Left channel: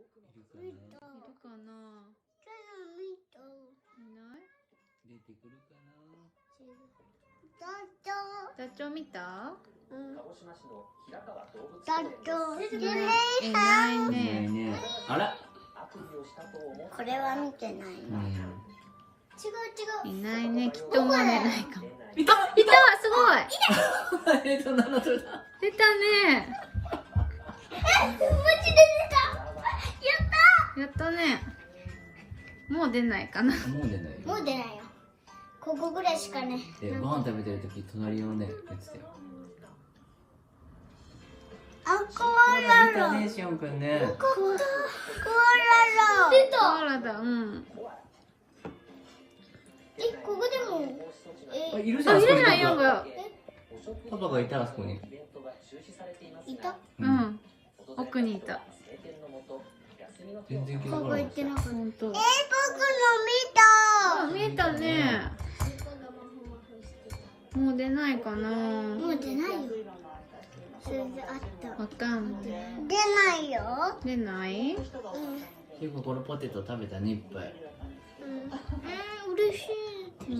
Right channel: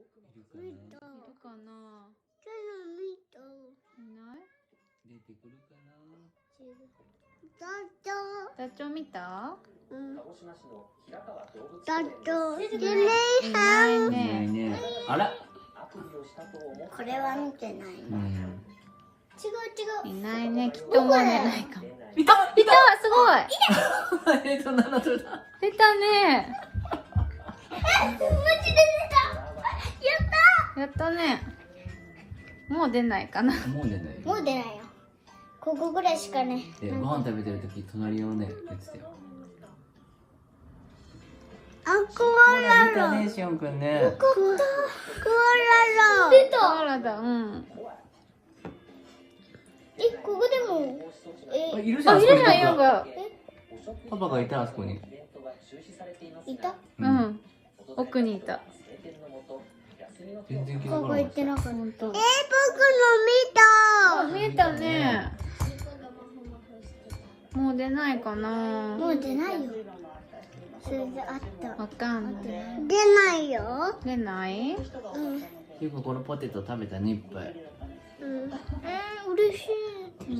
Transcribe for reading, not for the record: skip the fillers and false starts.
いるかな。出てくるかな。ダチョウ見た？いないね。あら？これは見てない。いないね。きっともう寝ないかも。いたすごい出たね。やったね。もう出ないかな。もう出ないよ。ここぐらいしかね。ご飯食べてるとき隣をね、やってたよ。見たね、しおんくんね。出た。コアラだ、ここでも。いるじゃん、パパがいた、あそこに。いた？奥にいた。全然気づかなかった。言ってなかった。僕も見た。見えたね。もう出ないかな。もう出ないよ。それであった。わかんない。出ないよ。出ない？結構このポテト食べたね、いっぱい。嬉しい。